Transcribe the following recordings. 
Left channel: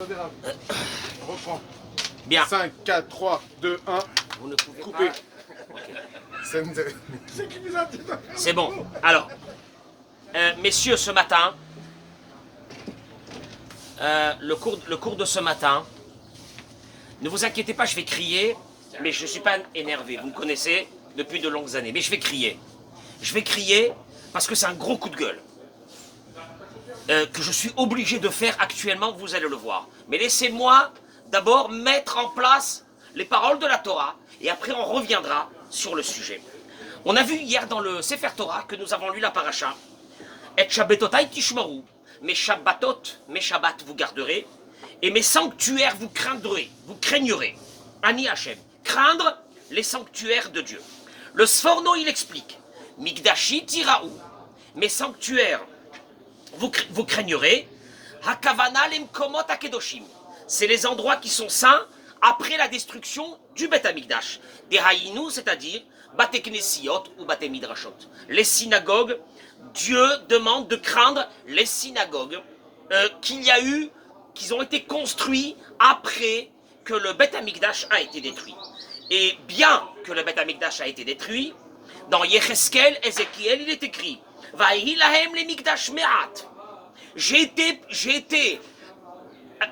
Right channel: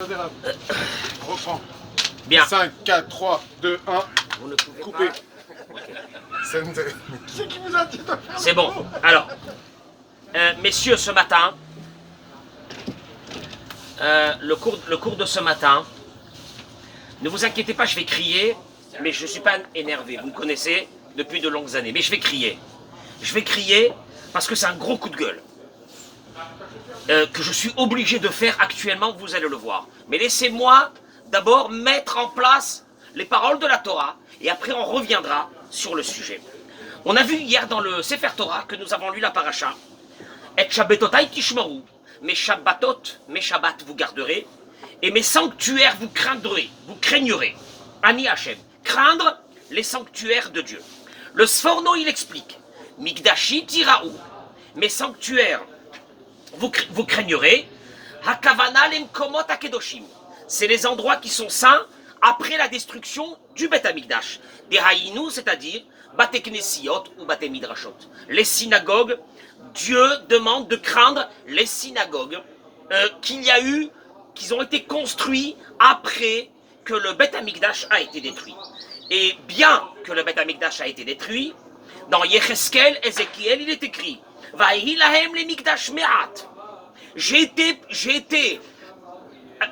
Reprends. Bien. 5, 4, 3, 2, 1. Vous ne pouvez Coupé. pas. Ok. C'est qui vous a dit de faire? C'est bon. Alors, messieurs, ce matin, le cours de ce matin, ne vous inquiétez pas, je vais crier, mais je ne suis pas énervé. Vous me connaissez depuis de longues années, mais je vais crier. Je vais crier parce que c'est un gros coup de gueule que je suis obligé de faire actuellement, vous allez le voir. Mais laissez-moi d'abord mettre en place les paroles de la Torah et après on reviendra sur le sujet. On a vu hier dans le Sefer Torah que nous avons lu la paracha. Et Shabbatotai tishmaru, mes Shabbatot, mes Shabbats vous garderez, et mes sanctuaires vous craignerez. Ani Hashem, craindre les sanctuaires de Dieu. Le Sforno il explique, Mikdashi tiraou, mes sanctuaires vous craignerez. Hakavana lemkomot akedoshim, c'est les endroits qui sont saints après la destruction du Beth Amikdash. Des haïnou, c'est-à-dire Bate Knesiot ou Bate Midrashot. Les synagogues, Dieu demande de craindre les synagogues qu'ils ont été construits après que le Beth Amikdash a été détruit. Et bien que le Beth Amikdash a été détruit, dans Yecheskel, Ézéchiel, il est écrit Vaïhi lahem le Mikdash me'at. J'ai été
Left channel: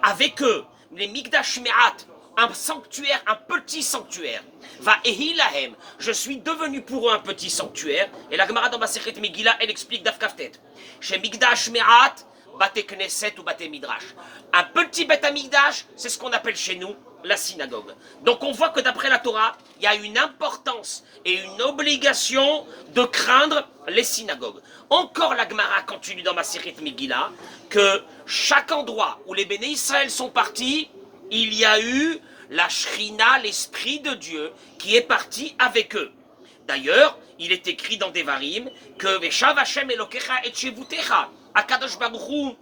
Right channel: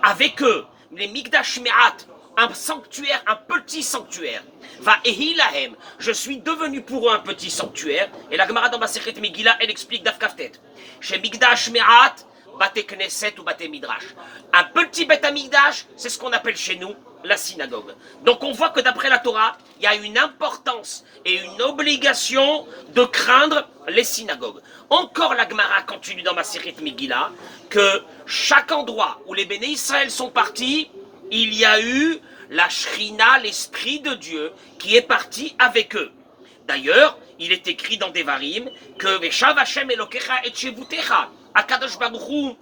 avec eux, les Mikdash me'at, un sanctuaire, un petit sanctuaire. Vaïhi lahem, je suis devenu pour eux un petit sanctuaire. Et la Gemara dans Masechet Megillah, elle explique Daf Kaftet. Chez Mikdash me'at, Bate Knesset ou Bate Midrash. Un petit Beth Amikdash, c'est ce qu'on appelle chez nous la synagogue. Donc on voit que d'après la Torah, il y a une importance et une obligation de craindre les synagogues. Encore la Gemara continue dans Masechet Megillah que chaque endroit où les béné Israël sont partis, il y a eu la Shrina, l'Esprit de Dieu, qui est parti avec eux. D'ailleurs, il est écrit dans Devarim que Veshav Hashem Elokecha et Shevutecha, Akadosh Baruch Hu,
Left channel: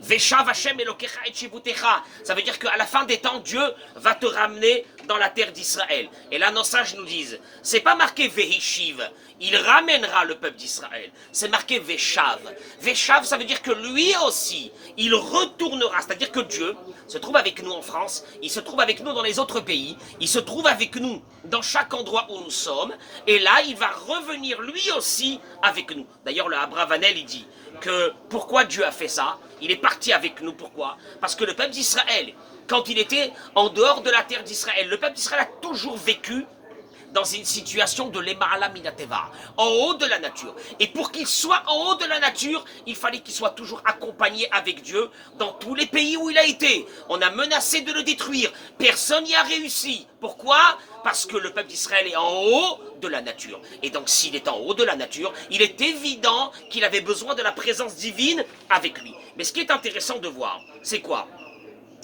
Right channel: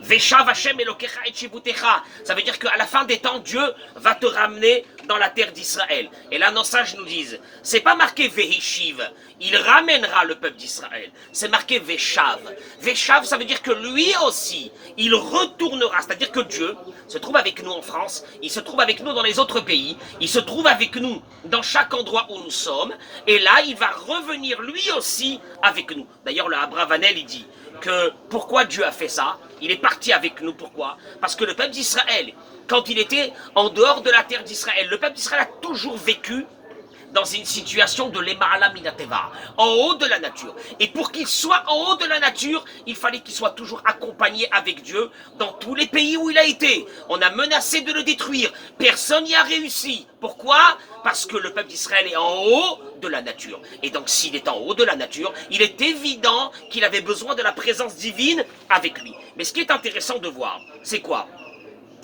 Veshav Hashem Elokecha et Shevutecha. Ça veut dire qu'à la fin des temps, Dieu va te ramener dans la terre d'Israël. Et là, nos sages nous disent, c'est pas marqué Vehishiv, il ramènera le peuple d'Israël. C'est marqué Veshav. Veshav, ça veut dire que lui aussi, il retournera. C'est-à-dire que Dieu se trouve avec nous en France, il se trouve avec nous dans les autres pays, il se trouve avec nous dans chaque endroit où nous sommes. Et là, il va revenir lui aussi avec nous. D'ailleurs, le Abravanel, il dit que pourquoi Dieu a fait ça? Il est parti avec nous. Pourquoi? Parce que le peuple d'Israël, quand il était en dehors de la terre d'Israël, le peuple d'Israël a toujours vécu dans une situation de l'Ema'ala Minateva, en haut de la nature. Et pour qu'il soit en haut de la nature, il fallait qu'il soit toujours accompagné avec Dieu dans tous les pays où il a été. On a menacé de le détruire. Personne n'y a réussi. Pourquoi? Parce que le peuple d'Israël est en haut de la nature. Et donc s'il est en haut de la nature, il est évident qu'il avait besoin de la présence divine avec lui. Mais ce qui est intéressant de voir, c'est quoi?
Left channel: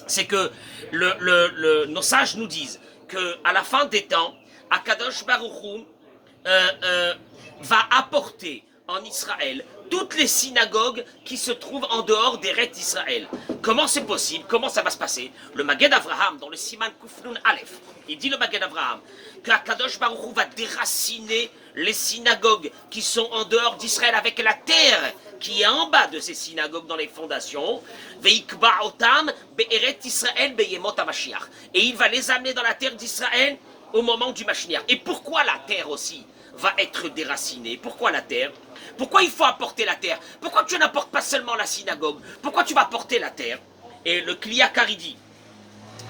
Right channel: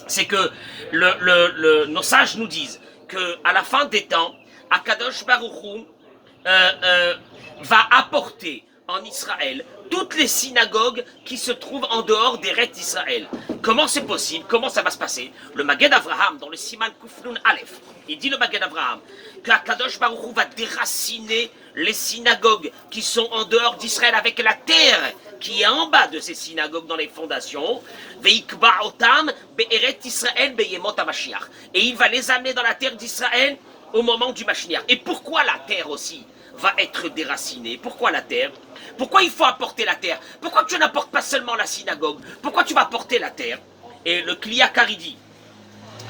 C'est que nos sages nous disent qu'à la fin des temps, Akadosh Baruch Hu va apporter en Israël toutes les synagogues qui se trouvent en dehors des rêves d'Israël. Comment c'est possible? Comment ça va se passer? Le Maged Avraham, dans le Siman Kufnun Aleph, il dit le Maged Avraham qu'Akadosh Baruch Hu va déraciner les synagogues qui sont en dehors d'Israël avec la terre qui est en bas de ces synagogues dans les fondations, Veikba Otam Be'eret Israël Beyemot HaMashiach. Et il va les amener dans la terre d'Israël au moment du Mashiach. Et pourquoi la terre aussi va être déracinée? Pourquoi la terre? Pourquoi il faut apporter la terre? Pourquoi tu n'apportes pas seulement la synagogue? Pourquoi tu vas apporter la terre? Et le Kliyakar dit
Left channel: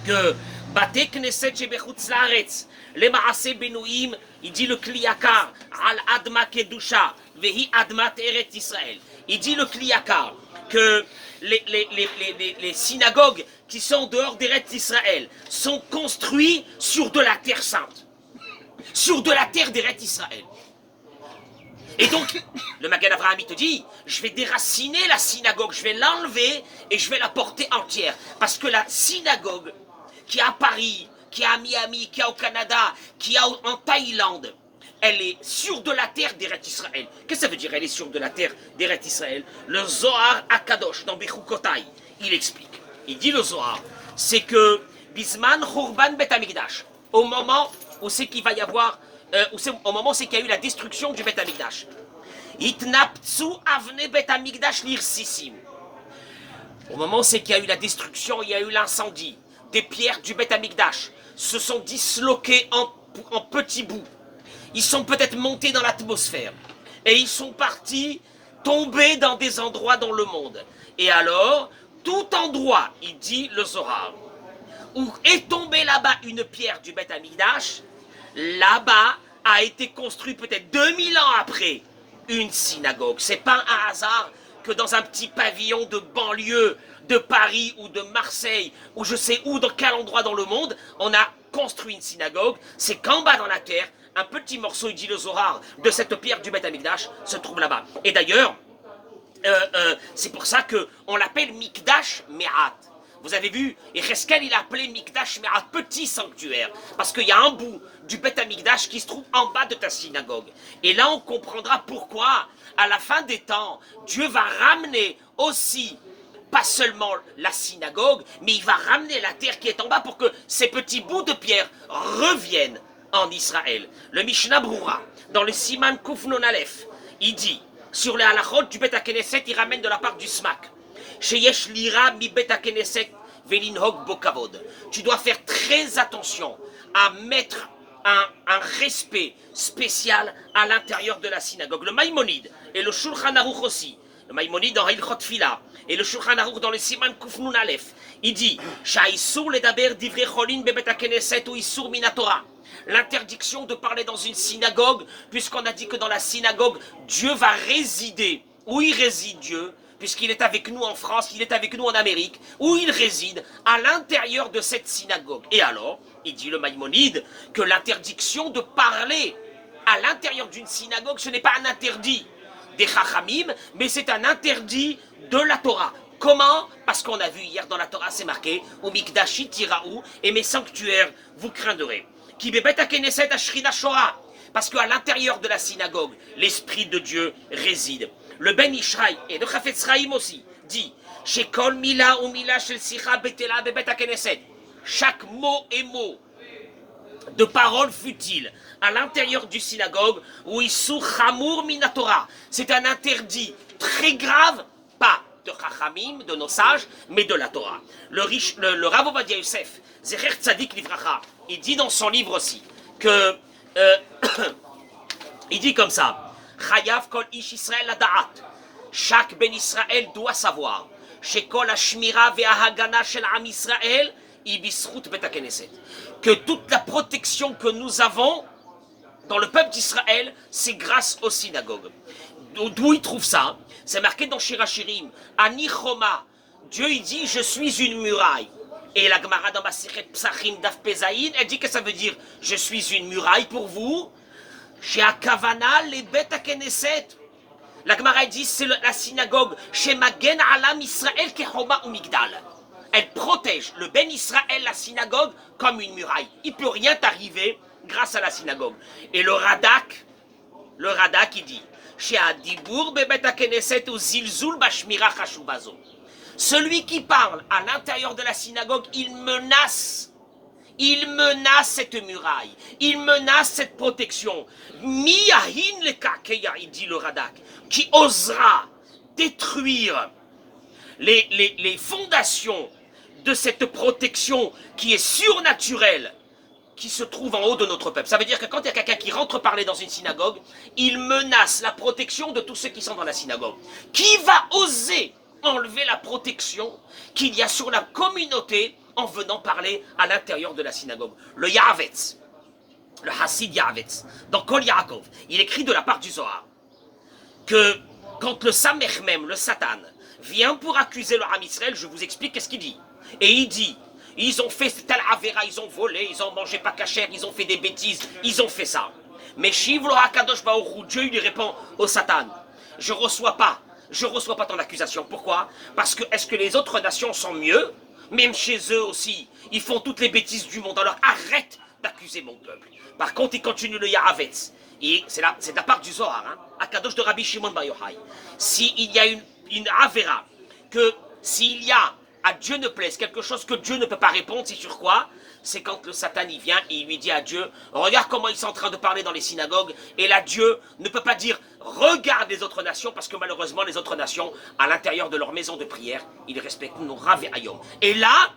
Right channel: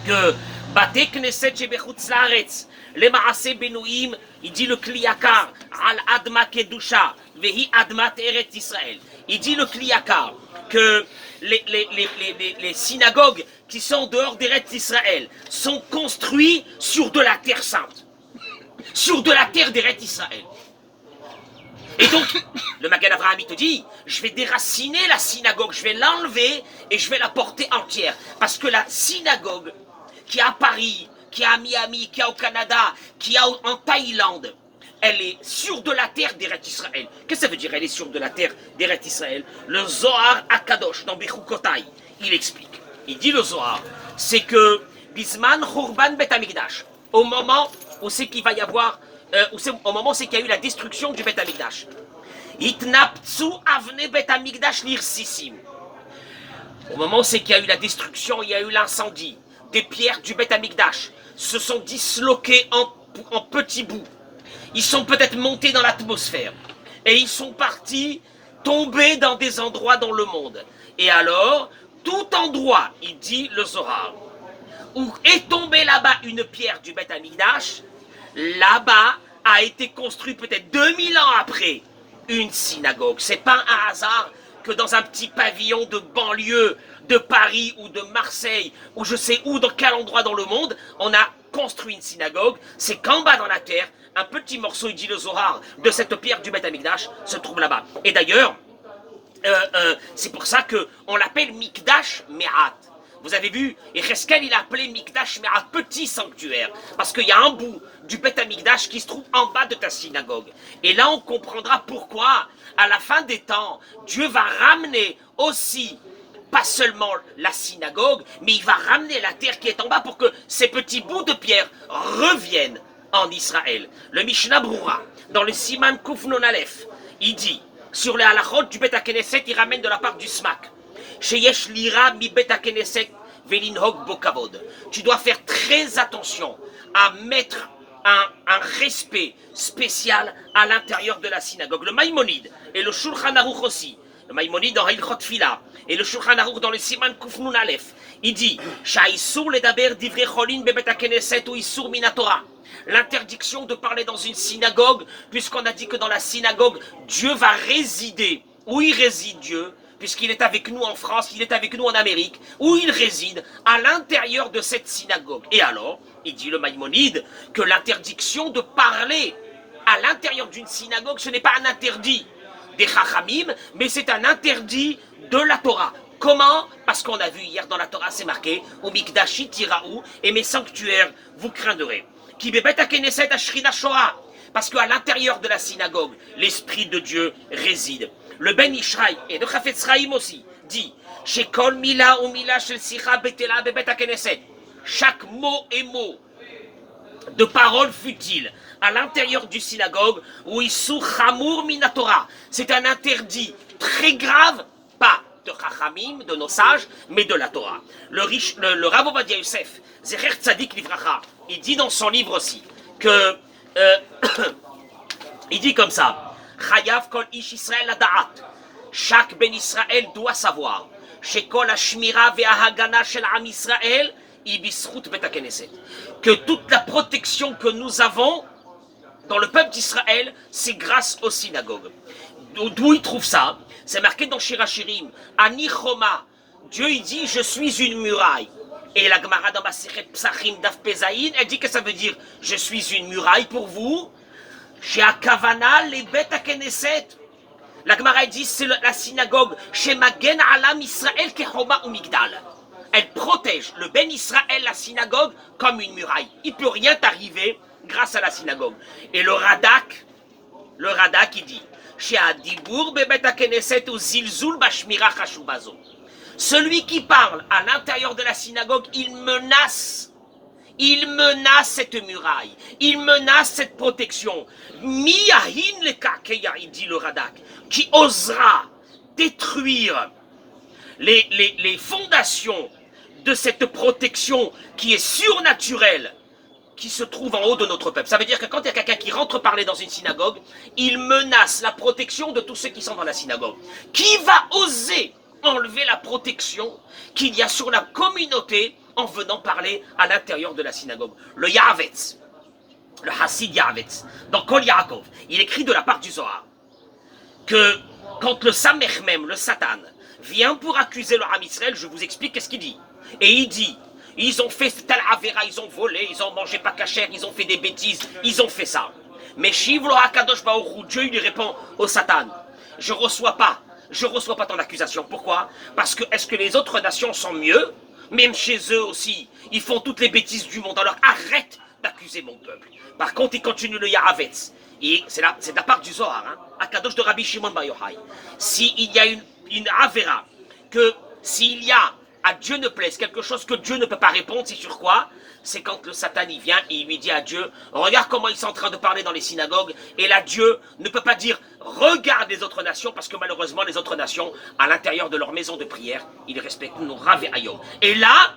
que Bate Knesset Shebechutz Laaretz, les Maaseh Benouim, il dit le Kliyakar, Al Adma Kedusha, Vehi Admat Eret Israël. Il dit le Kliyakar que les synagogues qui sont dehors des rêves d'Israël sont construits sur de la terre sainte, sur de la terre des rêves d'Israël. Et donc, le Magad Avraham te dit, je vais déraciner la synagogue, je vais l'enlever et je vais la porter entière. Parce que la synagogue qui est à Paris, qui est à Miami, qui est au Canada, qui est en Thaïlande, elle est sur de la terre d'Eret Israël. Qu'est-ce que ça veut dire, elle est sur de la terre d'Eret Israël? Le Zohar Akadosh, dans Bechukotai, il explique. Il dit le Zohar, c'est que Bisman Churban Bet Amikdash, au moment où c'est qu'il va y avoir, au moment où c'est qu'il y a eu la destruction du Bet Amikdash, Itnaptsu Avne Bet Amikdash Nirsisim. Au moment où c'est qu'il y a eu la destruction, il y a eu l'incendie, des pierres du Beth Amikdash se sont disloquées en petits bouts. Ils sont peut-être montés dans l'atmosphère et ils sont partis tomber dans des endroits dans le monde. Et alors, tout endroit, il dit le Zohar, où est tombée là-bas une pierre du Beth Amikdash, là-bas a été construit peut-être 2000 ans après une synagogue. C'est pas un hasard que dans un petit pavillon de banlieue de Paris ou de Marseille ou je sais où, dans quel endroit dans le monde, on a construit une synagogue. C'est qu'en bas dans la terre, un petit morceau, il dit le Zohar, de cette pierre du Beth Amikdash se trouve là-bas. Et d'ailleurs, c'est pour ça qu'on l'appelle Mikdash Me'at. Vous avez vu, et Cheskel il a appelé Mikdash Me'at, petit sanctuaire, parce qu'il y a un bout du Beth Amikdash qui se trouve en bas de ta synagogue. Et là on comprendra pourquoi, à la fin des temps, Dieu va ramener aussi, pas seulement la synagogue, mais il va ramener la terre qui est en bas pour que ces petits bouts de pierre reviennent en Israël. Le Mishnah Brura, dans le Siman Kuf Non Aleph, il dit, sur les halachot du Beth HaKnesset, il ramène de la part du SMAC. Sheyesh lira mi Beth HaKnesset velinhog bo kavod. Tu dois faire très attention à mettre un respect spécial à l'intérieur de la synagogue. Le Maïmonide et le Shulchan Aruch aussi, le Maïmonide dans Hilchot Tfila et le Shulchan Aruch dans le Siman Kuf Nun Aleph, il dit Sha'isur ledaber divrei cholin bebet HaKnesset ou isur min haTorah. L'interdiction de parler dans une synagogue, puisqu'on a dit que dans la synagogue, Dieu va résider. Où il réside Dieu, puisqu'il est avec nous en France, il est avec nous en Amérique, où il réside à l'intérieur de cette synagogue. Et alors, il dit le Maïmonide, que l'interdiction de parler à l'intérieur d'une synagogue, ce n'est pas un interdit des Chachamim, mais c'est un interdit de la Torah. Comment? Parce qu'on a vu hier dans la Torah, c'est marqué, « Mikdashi tiraou, et mes sanctuaires, vous craindrez. » Parce qu'à l'intérieur de la synagogue, l'Esprit de Dieu réside. Le Ben Ishraï et le Chafetz Chaim aussi dit Shekol mila ou mila shel sicha betela bebet HaKnesset. Chaque mot et mot de parole futile à l'intérieur du synagogue où Issur Chamour Minatora. C'est un interdit très grave, pas de Chachamim, de nos sages, mais de la Torah. Le Rav Ovadia Yosef, Zecher Tzadik Livracha, il dit dans son livre aussi que il dit comme ça Chayav kol ish Israël ada'at. Chaque ben Israël doit savoir Shekol hashmira ve'ahagana shel am Israël ibisrut bet HaKnesset. Que toute la protection que nous avons dans le peuple d'Israël, c'est grâce aux synagogues. D'où il trouve ça? C'est marqué dans Shirachirim. Ani Choma. Dieu il dit je suis une muraille. Et la Gemara dans Masechet Psachim Daf Pezaïn, elle dit que ça veut dire je suis une muraille pour vous. Chez Akavana les Beth HaKnesset. La Gemara dit c'est la synagogue chez Magen Alam Israël Kechoma ou Migdal. Elle protège le Ben Israël, la synagogue, comme une muraille. Il ne peut rien t'arriver grâce à la synagogue. Et le Radak il dit chez Adibour Bebet HaKnesset ou Zilzul Bashmira Chashubazo. Celui qui parle à l'intérieur de la synagogue, il menace cette muraille, il menace cette protection. Miyahin le kakeya, il dit le Radak, qui osera détruire les fondations de cette protection qui est surnaturelle, qui se trouve en haut de notre peuple. Ça veut dire que quand il y a quelqu'un qui rentre parler dans une synagogue, il menace la protection de tous ceux qui sont dans la synagogue. Qui va oser enlever la protection qu'il y a sur la communauté en venant parler à l'intérieur de la synagogue? Le Yahavetz, le Hassid Yahavetz, dans Kol Yaakov, il écrit de la part du Zohar que quand le Samech même, le Satan, vient pour accuser le Ham Israël, je vous explique qu'est-ce qu'il dit. Et il dit, ils ont fait tel avéra, ils ont volé, ils ont mangé pas cachère, ils ont fait des bêtises, ils ont fait ça. Mais Shivlo HaKadosh Baruch Hu, Dieu lui répond au Satan, je reçois pas ton accusation. Pourquoi? Parce que est-ce que les autres nations sont mieux? Même chez eux aussi, ils font toutes les bêtises du monde. Alors arrête d'accuser mon peuple. Par contre, il continue le Yahavetz. Et c'est de la part du Zohar, hein, Akadosh de Rabbi Shimon Bar Yochai. S'il y a une avéra, que s'il y a à Dieu ne plaise quelque chose que Dieu ne peut pas répondre, c'est sur quoi? C'est quand le Satan il vient et il lui dit à Dieu, regarde comment ils sont en train de parler dans les synagogues, et là Dieu ne peut pas dire regarde les autres nations, parce que malheureusement, les autres nations, à l'intérieur de leur maison de prière, ils respectent nos Rav et Ayom. Et là,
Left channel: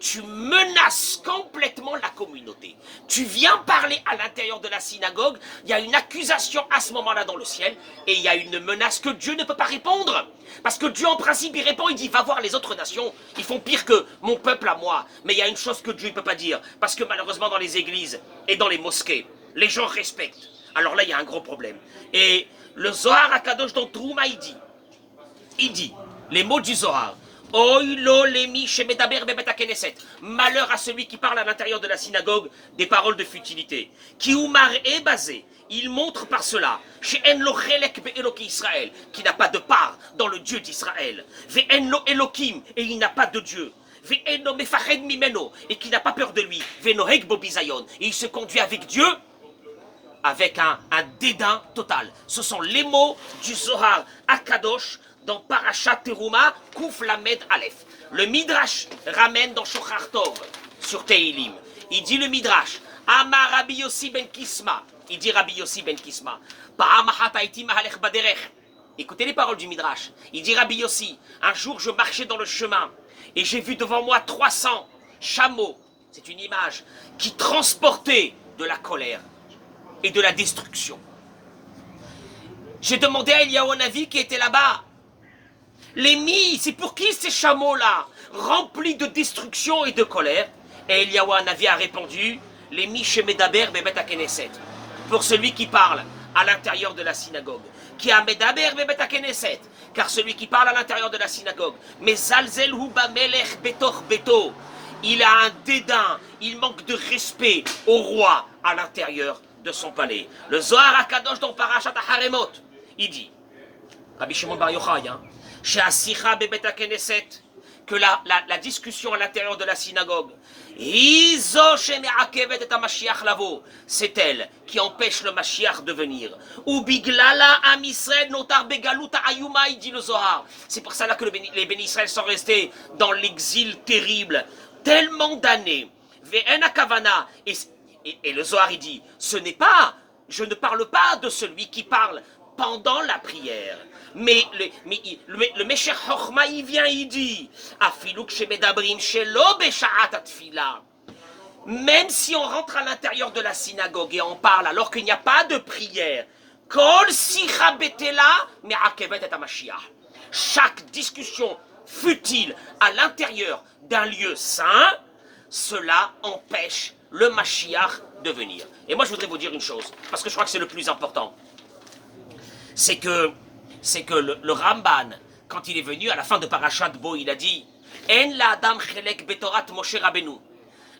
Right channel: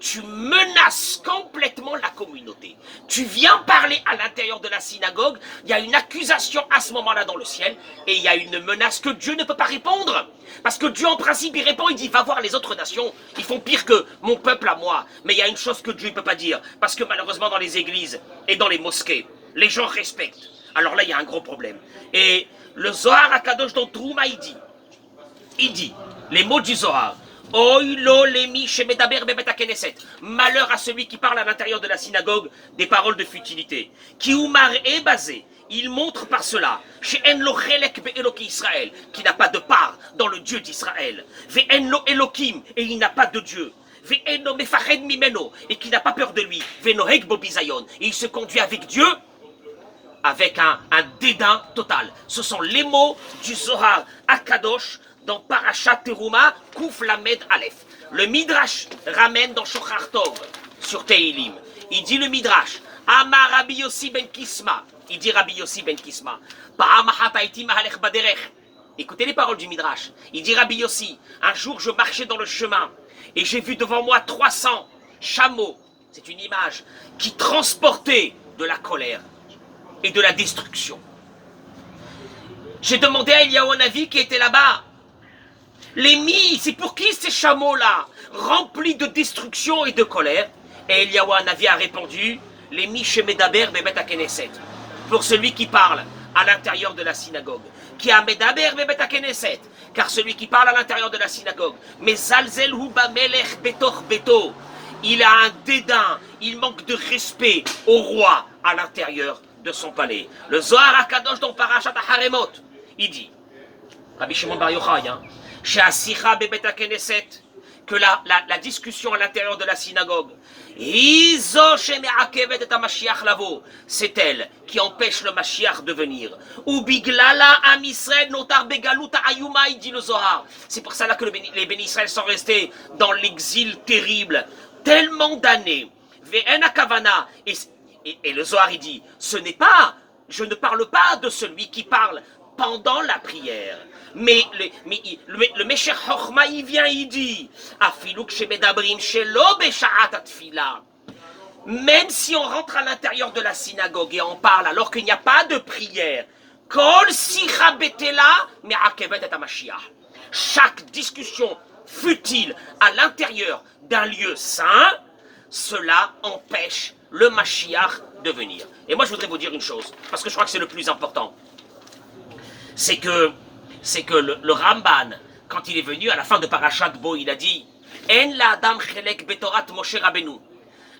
tu menaces complètement la communauté. Tu viens parler à l'intérieur de la synagogue, il y a une accusation à ce moment-là dans le ciel, et il y a une menace que Dieu ne peut pas répondre. Parce que Dieu, en principe, il répond, il dit, va voir les autres nations, ils font pire que mon peuple à moi. Mais il y a une chose que Dieu ne peut pas dire, parce que malheureusement, dans les églises et dans les mosquées, les gens respectent. Alors là, il y a un gros problème. Et le Zohar Akadosh dans Trouma, il dit, les mots du Zohar, malheur à celui qui parle à l'intérieur de la synagogue des paroles de futilité. Qui est basé, il montre par cela, qui n'a pas de part dans le Dieu d'Israël. Et il n'a pas de Dieu. Et qui n'a pas peur de lui. Et il se conduit avec Dieu avec un dédain total. Ce sont les mots du Zohar Akadosh dans Parashat Teruma, Kouf Lamed Aleph. Le Midrash ramène dans Shochar Tov, sur Teilim. Il dit le Midrash, Amar Rabbi Yossi ben Kisma. Il dit Rabbi Yossi ben Kisma. Écoutez les paroles du Midrash. Il dit Rabbi Yossi, un jour je marchais dans le chemin et j'ai vu devant moi 300 chameaux, c'est une image, qui transportaient de la colère et de la destruction. J'ai demandé à Eliyahu Hanavi qui était là-bas, c'est pour qui ces chameaux-là, remplis de destruction et de colère? Et Eliyahu Hanavi a répondu, les chez Medaber Bebet HaKnesset, pour celui qui parle à l'intérieur de la synagogue, qui a Medaber Bebet HaKnesset, car celui qui parle à l'intérieur de la synagogue, mais Zalzel Hu Bamelech Betor Beto, il a un dédain, il manque de respect au roi à l'intérieur de son palais. Le Zohar HaKadosh dans Parashat HaRemot, il dit, Rabbi Shimon Bar Yochai, chez Asicha Bebet HaKnesset, que la discussion à l'intérieur de la synagogue, c'est elle qui empêche le Mashiach de venir. Ou biglala am Israël notar begaluta ayuma, il dit le Zohar. C'est pour ça que les bénis Israël sont restés dans l'exil terrible, tellement d'années. Ve'en hakavana. Et le Zohar, il dit, je ne parle pas de celui qui parle pendant la prière. Mais le Mesher Chochma, il vient, il dit, même si on rentre à l'intérieur de la synagogue et on parle alors qu'il n'y a pas de prière, chaque discussion futile à l'intérieur d'un lieu saint, cela empêche le Mashiach de venir. Et moi je voudrais vous dire une chose, parce que je crois que c'est le plus important. C'est que le Ramban, quand il est venu à la fin de Parashat Bo, il a dit En la Adam chelek betorat Moshe Rabbeinu.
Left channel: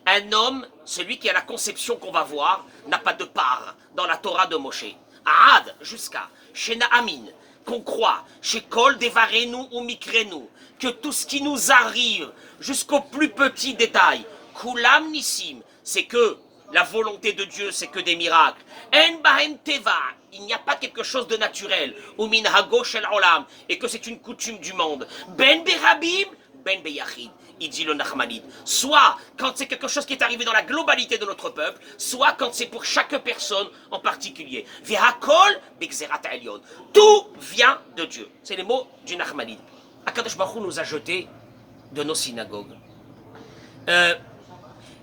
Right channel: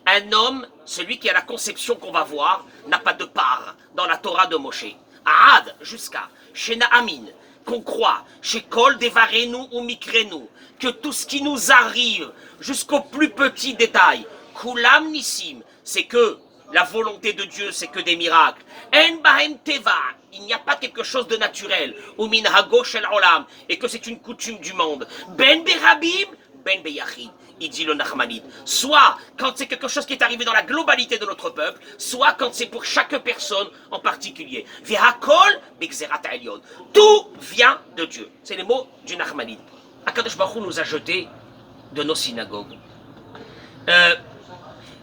Un homme, celui qui a la conception qu'on va voir, n'a pas de part dans la Torah de Moshe. Ad, jusqu'à chez Naamin, qu'on croit, chez Kol Devarenu ou Mikrenu, que tout ce qui nous arrive, jusqu'au plus petit détail, Kulam Nissim, c'est que la volonté de Dieu, c'est que des miracles. En Bahem Teva, il n'y a pas quelque chose de naturel. Ou min hago shel olam, et que c'est une coutume du monde. Ben berabim, ben beyachid, il dit le Nachmanide. Soit quand c'est quelque chose qui est arrivé dans la globalité de notre peuple, soit quand c'est pour chaque personne en particulier. Vehakol bexerat ha'elyon. Tout vient de Dieu. C'est les mots du Nachmanide. Akadosh Baruch Hu nous a jetés de nos synagogues.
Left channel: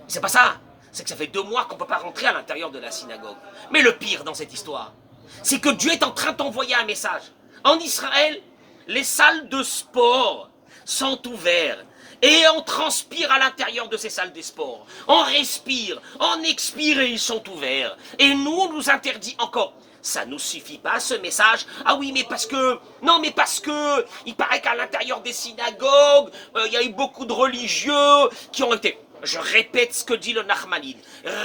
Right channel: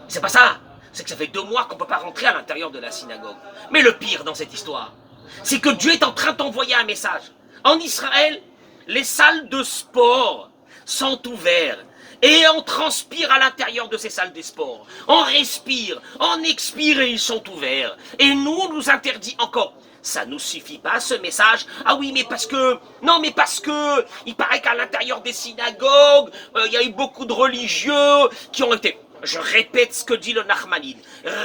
C'est pas ça. C'est que ça fait 2 mois qu'on ne peut pas rentrer à l'intérieur de la synagogue. Mais le pire dans cette histoire, c'est que Dieu est en train d'envoyer un message. En Israël, les salles de sport sont ouvertes. Et on transpire à l'intérieur de ces salles de sport. On respire, on expire et ils sont ouverts. Et nous, on nous interdit encore. Ça ne nous suffit pas ce message. Ah oui, mais parce que... Non, mais parce que... Il paraît qu'à l'intérieur des synagogues, il y a eu beaucoup de religieux qui ont été... Je répète ce que dit le Nachmanide.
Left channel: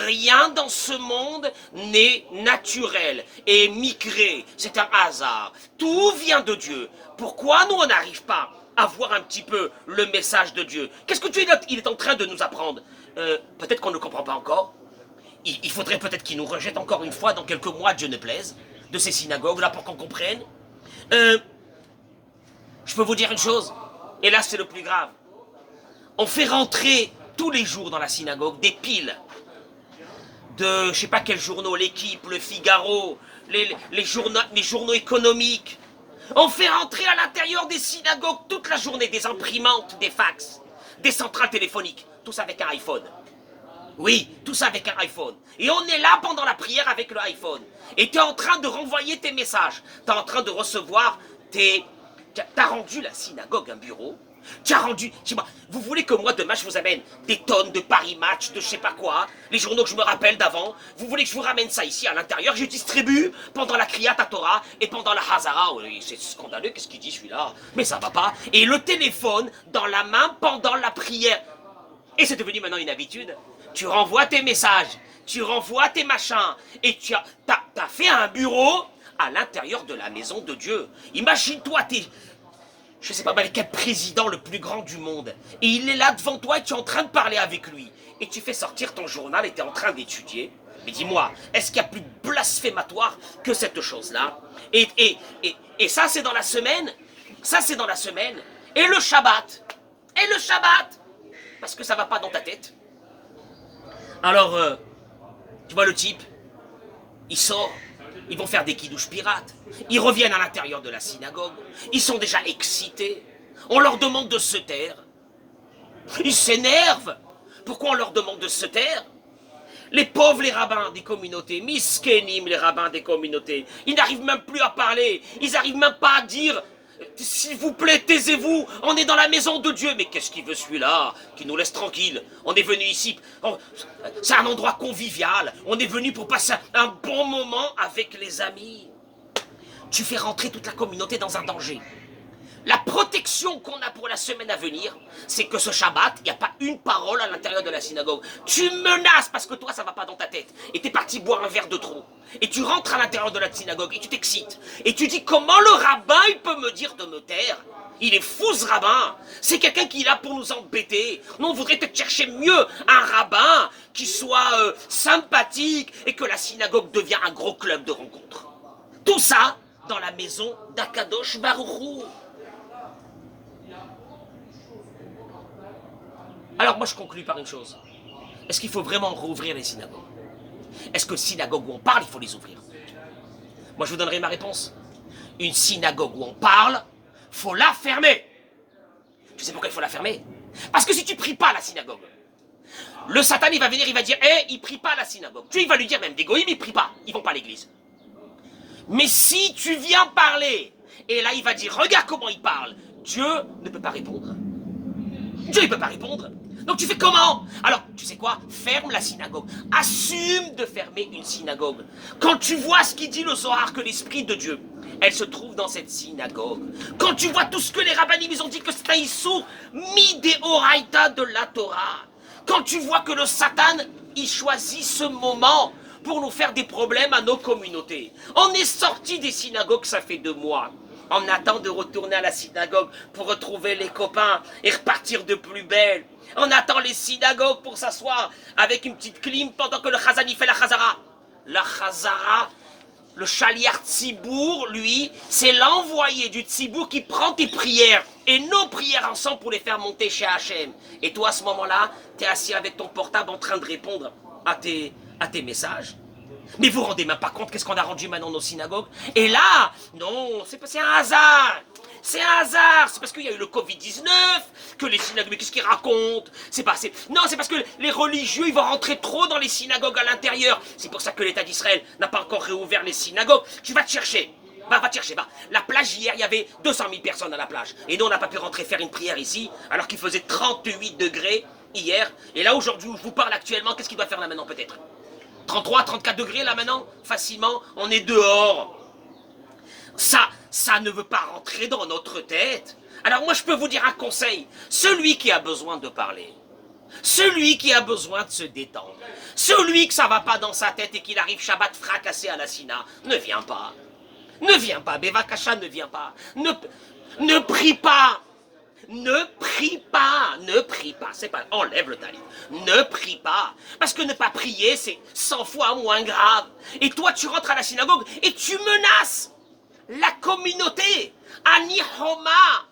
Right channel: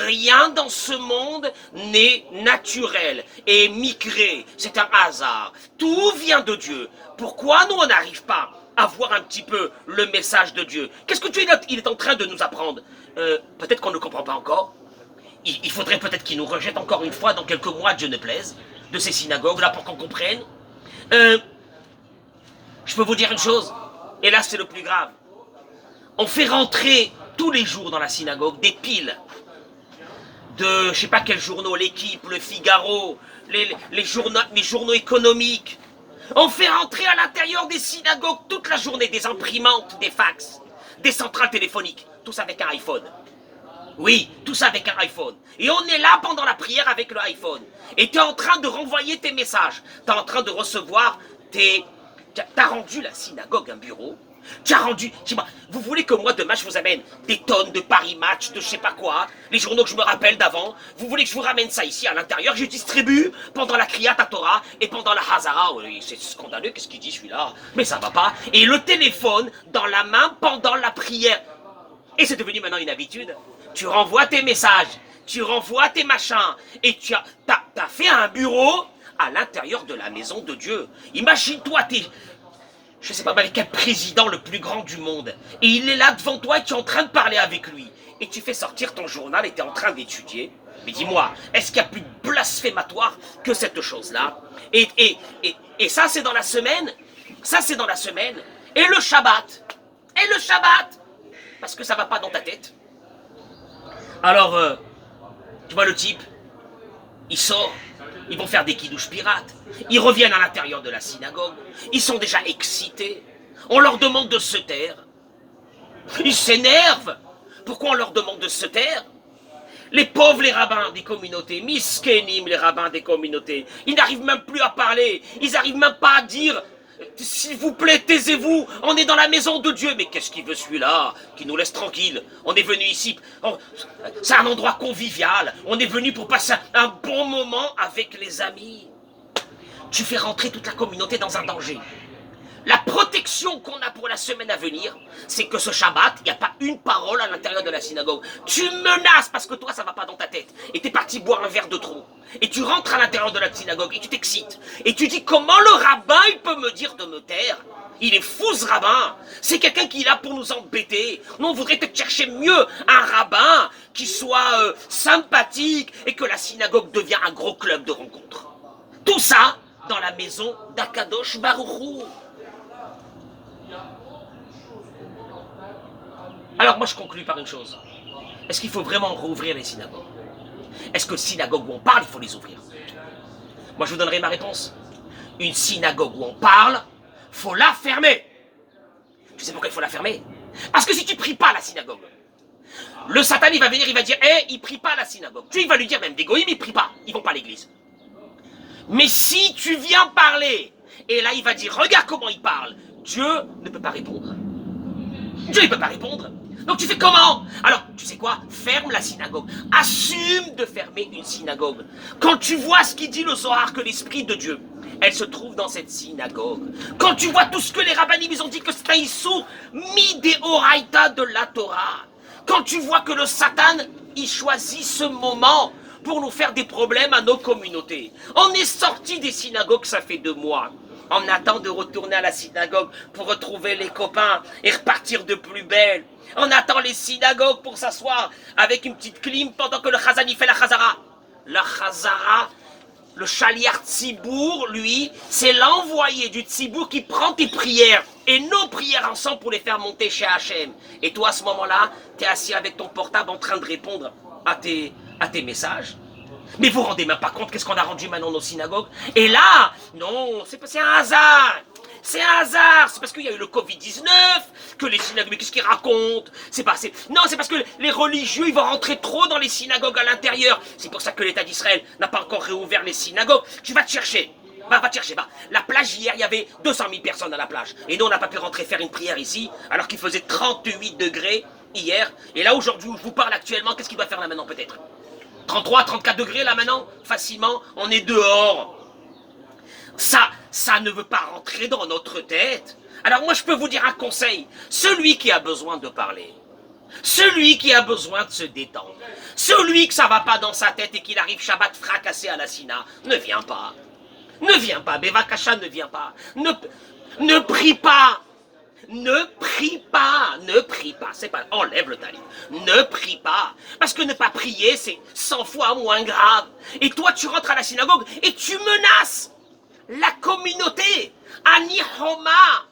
Rien dans ce monde n'est naturel et migré. C'est un hasard. Tout vient de Dieu. Pourquoi nous, on n'arrive pas à voir un petit peu le message de Dieu? Qu'est-ce que Dieu il est en train de nous apprendre? Peut-être qu'on ne comprend pas encore. Il faudrait peut-être qu'il nous rejette encore une fois dans quelques mois, Dieu ne plaise, de ces synagogues-là pour qu'on comprenne. Je peux vous dire une chose, et là c'est le plus grave. On fait rentrer tous les jours dans la synagogue des piles de, je sais pas quels journaux, l'Équipe, le Figaro, les journaux économiques. On fait rentrer à l'intérieur des synagogues toute la journée des imprimantes, des fax, des centrales téléphoniques, tous avec un iPhone. Oui, tout ça avec un iPhone. Et on est là pendant la prière avec le iPhone. Et tu es en train de renvoyer tes messages. Tu es en train de recevoir tes... T'as rendu la synagogue un bureau. Tu as rendu... Vous voulez que moi demain je vous amène des tonnes de Paris Match, de je sais pas quoi, les journaux que je me rappelle d'avant. Vous voulez que je vous ramène ça ici à l'intérieur. Je distribue pendant la Kriyat Torah et pendant la Hazara. Oui, c'est scandaleux, qu'est-ce qu'il dit celui-là? Mais ça va pas. Et le téléphone dans la main pendant la prière. Et c'est devenu maintenant une habitude. Tu renvoies tes messages, tu renvoies tes machins, et tu as fait un bureau à l'intérieur de la maison de Dieu. Imagine-toi, je sais pas avec quel président le plus grand du monde, et il est là devant toi et tu es en train de parler avec lui. Et tu fais sortir ton journal et tu es en train d'étudier. Mais dis-moi, est-ce qu'il y a plus blasphématoire que cette chose-là? Et ça, c'est dans la semaine. Ça, c'est dans la semaine. Et le Shabbat. Et le Shabbat. Parce que ça va pas dans ta tête. Alors, tu vois le type, il sort, ils vont faire des kidouches pirates, ils reviennent à l'intérieur de la synagogue, ils sont déjà excités, on leur demande de se taire, ils s'énervent. Pourquoi on leur demande de se taire? Les pauvres, les rabbins des communautés, miskenim, les rabbins des communautés, ils n'arrivent même plus à parler, ils n'arrivent même pas à dire s'il vous plaît, taisez-vous, on est dans la maison de Dieu. Mais qu'est-ce qu'il veut celui-là? Qui nous laisse tranquille. On est venu ici, c'est un endroit convivial. On est venu pour passer un bon moment avec les amis. Tu fais rentrer toute la communauté dans un danger. La protection qu'on a pour la semaine à venir, c'est que ce Shabbat, il n'y a pas une parole à l'intérieur de la synagogue. Tu menaces parce que toi, ça ne va pas dans ta tête. Et tu es parti boire un verre de trop. Et tu rentres à l'intérieur de la synagogue et tu t'excites. Et tu dis, comment le rabbin, il peut me dire de me taire? Il est fou ce rabbin. C'est quelqu'un qui est là pour nous embêter. Nous, on voudrait peut-être chercher mieux un rabbin qui soit sympathique et que la synagogue devienne un gros club de rencontres. Tout ça dans la maison d'Akadosh Baruch Hu. Alors moi je conclue par une chose. Est-ce qu'il faut vraiment rouvrir les synagogues? Est-ce que les synagogues où on parle, il faut les ouvrir? Moi je vous donnerai ma réponse. Une synagogue où on parle, faut la fermer. Tu sais pourquoi il faut la fermer? Parce que si tu pries pas à la synagogue, le Satan il va venir, il va dire, il prie pas à la synagogue. Dieu il va lui dire même, des goïms ils prient pas, ils vont pas à l'église. Mais si tu viens parler, et là il va dire, regarde comment il parle, Dieu ne peut pas répondre. Dieu ne peut pas répondre. Donc tu fais comment? Alors, tu sais quoi? Ferme la synagogue. Assume de fermer une synagogue. Quand tu vois ce qu'il dit le Zohar, que l'Esprit de Dieu, elle se trouve dans cette synagogue. Quand tu vois tout ce que les rabbinim, ils ont dit que c'est un issur midéoraïta de la Torah. Quand tu vois que le Satan, il choisit ce moment pour nous faire des problèmes à nos communautés. On est sorti des synagogues, ça fait 2 mois. On attend de retourner à la synagogue pour retrouver les copains et repartir de plus belle. On attend les synagogues pour s'asseoir avec une petite clim pendant que le Chazan y fait la Chazara. La Chazara, le Shaliach Tzibour, lui, c'est l'envoyé du Tzibour qui prend tes prières et nos prières ensemble pour les faire monter chez Hachem. Et toi, à ce moment-là, tu es assis avec ton portable en train de répondre à tes messages. Mais vous vous rendez même pas compte qu'est-ce qu'on a rendu maintenant nos synagogues? Et là, non, c'est un hasard. C'est un hasard. C'est parce qu'il y a eu le Covid-19 que les synagogues, mais qu'est-ce qu'ils racontent? Non, c'est parce que les religieux, ils vont rentrer trop dans les synagogues à l'intérieur. C'est pour ça que l'État d'Israël n'a pas encore réouvert les synagogues. Tu vas te chercher. Va te chercher, va. La plage hier, il y avait 200 000 personnes à la plage. Et nous, on n'a pas pu rentrer faire une prière ici, alors qu'il faisait 38 degrés hier. Et là, aujourd'hui, où je vous parle actuellement, qu'est-ce qu'il doit faire là maintenant peut-être? 33, 34 degrés là maintenant, facilement, on est dehors. Ça ne veut pas rentrer dans notre tête. Alors moi je peux vous dire un conseil, celui qui a besoin de parler, celui qui a besoin de se détendre, celui que ça va pas dans sa tête et qu'il arrive Shabbat fracassé à la Sina, ne viens pas. Ne viens pas, Bevakasha ne vient pas. Ne prie pas. Ne prie pas, c'est pas, enlève le talit, ne prie pas, parce que ne pas prier, c'est 100 fois moins grave. Et toi, tu rentres à la synagogue et tu menaces la communauté, Ani Homa.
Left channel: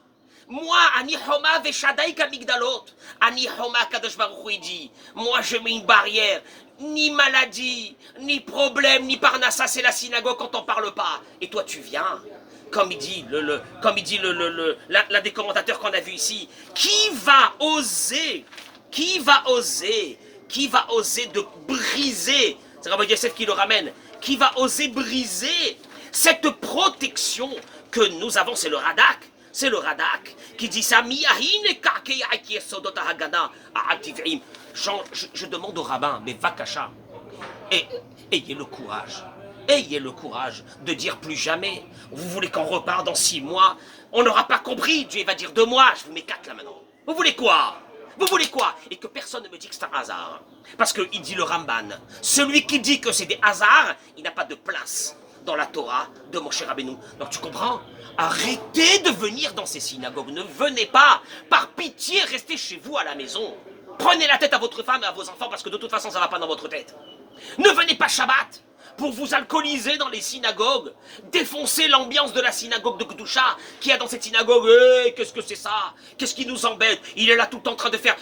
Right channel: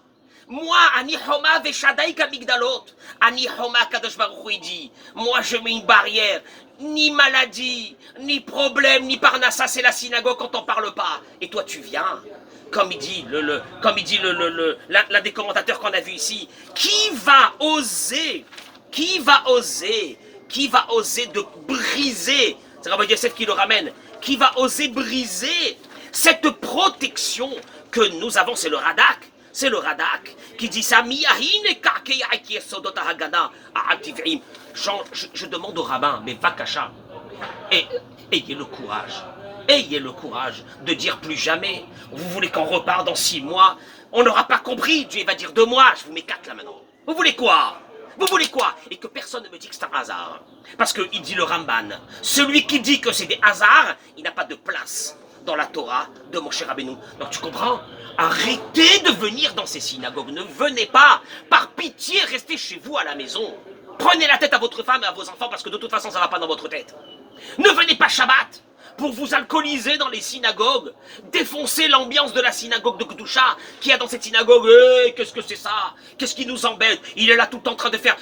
Moi, Ani Homa Veshadai Kamigdalot. Ani Homa Kadosh Baruch Hu, il dit, moi je mets une barrière. Ni maladie, ni problème, ni parnassa, c'est la synagogue quand on parle pas. Et toi tu viens, comme il dit l'un des commentateurs qu'on a vu ici, qui va oser de briser, c'est Rabbi Yosef qui le ramène, qui va oser briser cette protection que nous avons, c'est le Radak. C'est le Radak qui dit ça. Je demande au rabbin, mais Vakasha, ayez le courage de dire plus jamais. Vous voulez qu'on repart dans 6 mois? On n'aura pas compris. Dieu va dire 2 mois. Je vous mets 4 là maintenant. Vous voulez quoi? Et que personne ne me dit que c'est un hasard. Parce qu'il dit le Ramban, celui qui dit que c'est des hasards, il n'a pas de place dans la Torah de Moshe Rabbeinu. Donc tu comprends? Arrêtez de venir dans ces synagogues. Ne venez pas. Par pitié, restez chez vous à la maison. Prenez la tête à votre femme et à vos enfants parce que de toute façon, ça ne va pas dans votre tête. Ne venez pas Shabbat pour vous alcooliser dans les synagogues, défoncer l'ambiance de la synagogue de Kedusha, qui y a dans cette synagogue. Qu'est-ce que c'est ça? Qu'est-ce qui nous embête? Il est là tout le temps en train de faire...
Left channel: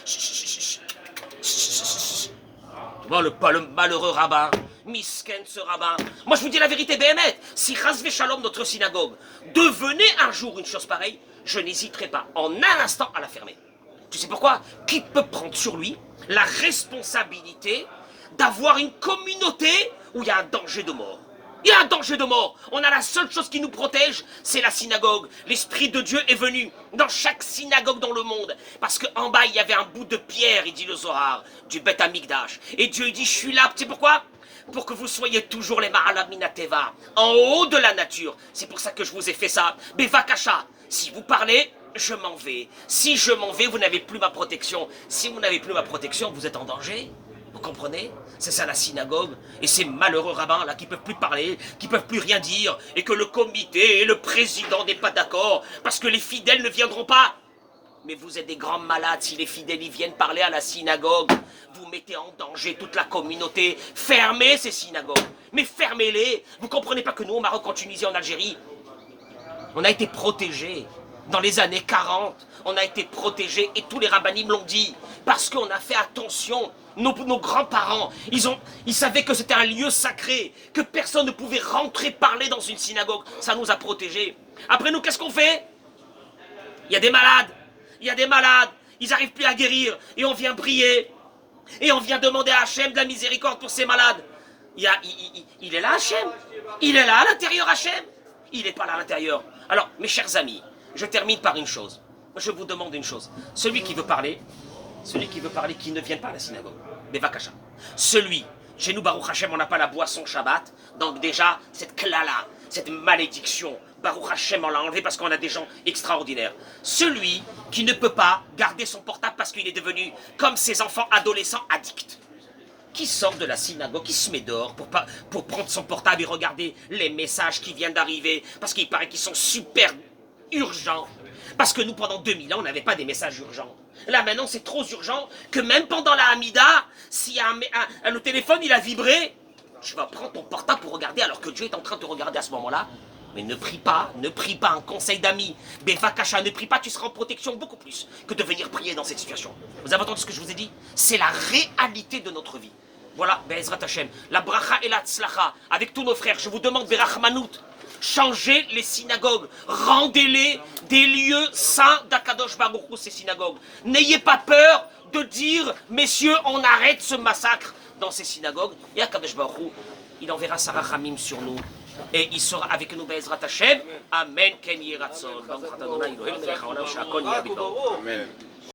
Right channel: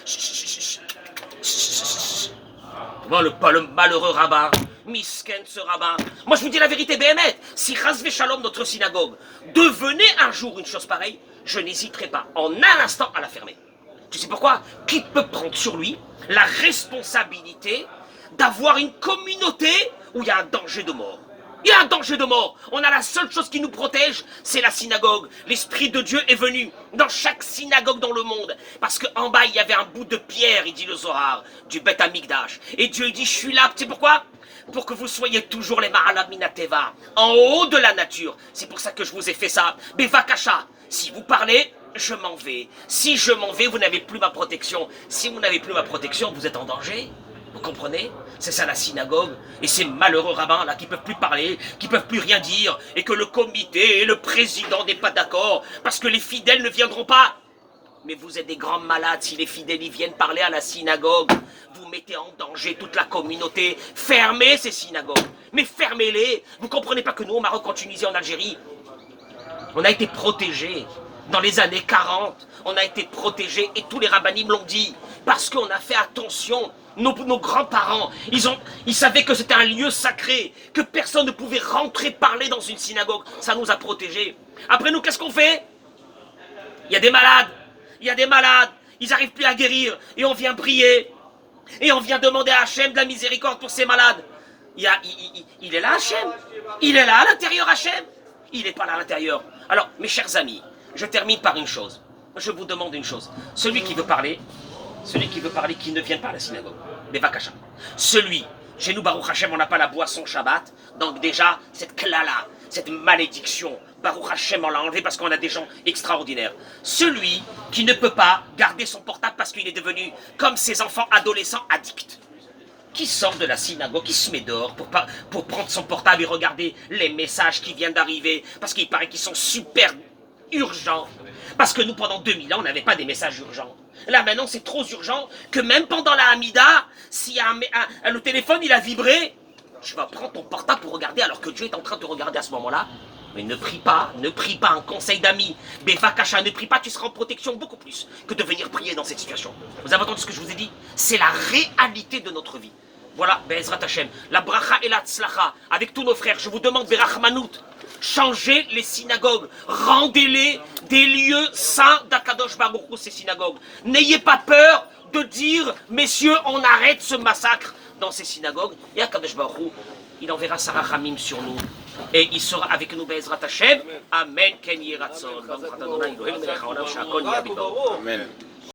Voilà le malheureux rabbin, misken ce rabbin. Moi je vous dis la vérité, Béhémet, si Chasvé Shalom, notre synagogue, devenait un jour une chose pareille, je n'hésiterai pas en un instant à la fermer. Tu sais pourquoi? Qui peut prendre sur lui la responsabilité d'avoir une communauté où il y a un danger de mort? Il y a un danger de mort. On a la seule chose qui nous protège, c'est la synagogue. L'Esprit de Dieu est venu dans chaque synagogue dans le monde. Parce qu'en bas, il y avait un bout de pierre, il dit le Zohar, du Beth Amikdash. Et Dieu dit, je suis là, tu sais pourquoi? Pour que vous soyez toujours les Ma'alam Minateva, en haut de la nature. C'est pour ça que je vous ai fait ça. Bevakasha, si vous parlez, je m'en vais. Si je m'en vais, vous n'avez plus ma protection. Si vous n'avez plus ma protection, vous êtes en danger. Vous comprenez? C'est ça la synagogue. Et ces malheureux rabbins là qui peuvent plus parler, qui peuvent plus rien dire, et que le comité et le président n'est pas d'accord, parce que les fidèles ne viendront pas. Mais vous êtes des grands malades si les fidèles y viennent parler à la synagogue. Vous mettez en danger toute la communauté. Fermez ces synagogues. Mais fermez-les. Vous comprenez pas que nous, au Maroc, en Tunisie, en Algérie, on a été protégés. Dans les années 40, on a été protégés, et tous les rabbinim l'ont dit, parce qu'on a fait attention. Nos grands-parents, ils savaient que c'était un lieu sacré, que personne ne pouvait rentrer parler dans une synagogue. Ça nous a protégés. Après nous, qu'est-ce qu'on fait? Il y a des malades, ils n'arrivent plus à guérir, et on vient prier, et on vient demander à Hachem de la miséricorde pour ces malades. Il est là Hachem? Il est là à l'intérieur Hachem? Il n'est pas là à l'intérieur. Alors, mes chers amis, je termine par une chose. Je vous demande une chose. Celui qui veut parler, qui ne vient pas à la synagogue. Mais Vakasha. Celui, chez nous, Baruch Hashem, on n'a pas la boisson Shabbat. Donc déjà, cette klala, cette malédiction, Baruch Hashem, on l'a enlevé parce qu'on a des gens extraordinaires. Celui qui ne peut pas garder son portable parce qu'il est devenu, comme ses enfants adolescents, addicts. Qui sort de la synagogue, qui se met dehors pour prendre son portable et regarder les messages qui viennent d'arriver, parce qu'il paraît qu'ils sont super urgents. Parce que nous, pendant 2000 ans, on n'avait pas des messages urgents. Là, maintenant, c'est trop urgent que même pendant la Hamida, si le téléphone, il a vibré, tu vas prendre ton portable pour regarder alors que Dieu est en train de te regarder à ce moment-là. Mais ne prie pas, un conseil d'amis. Bevakasha, ne prie pas, tu seras en protection beaucoup plus que de venir prier dans cette situation. Vous avez entendu ce que je vous ai dit? C'est la réalité de notre vie. Voilà, Be'ezrat Hashem, la bracha et la tzlacha, avec tous nos frères, je vous demande, Berachmanout, changez les synagogues, rendez-les des lieux saints d'Akadosh Baruch Hu, ces synagogues. N'ayez pas peur de dire, messieurs, on arrête ce massacre dans ces synagogues. Et Akadosh Baruch Hu, il enverra sa rachamim sur nous. Et il sera avec nous, Be'ezrat Hashem. Amen. Ken Yeratzon. Amen.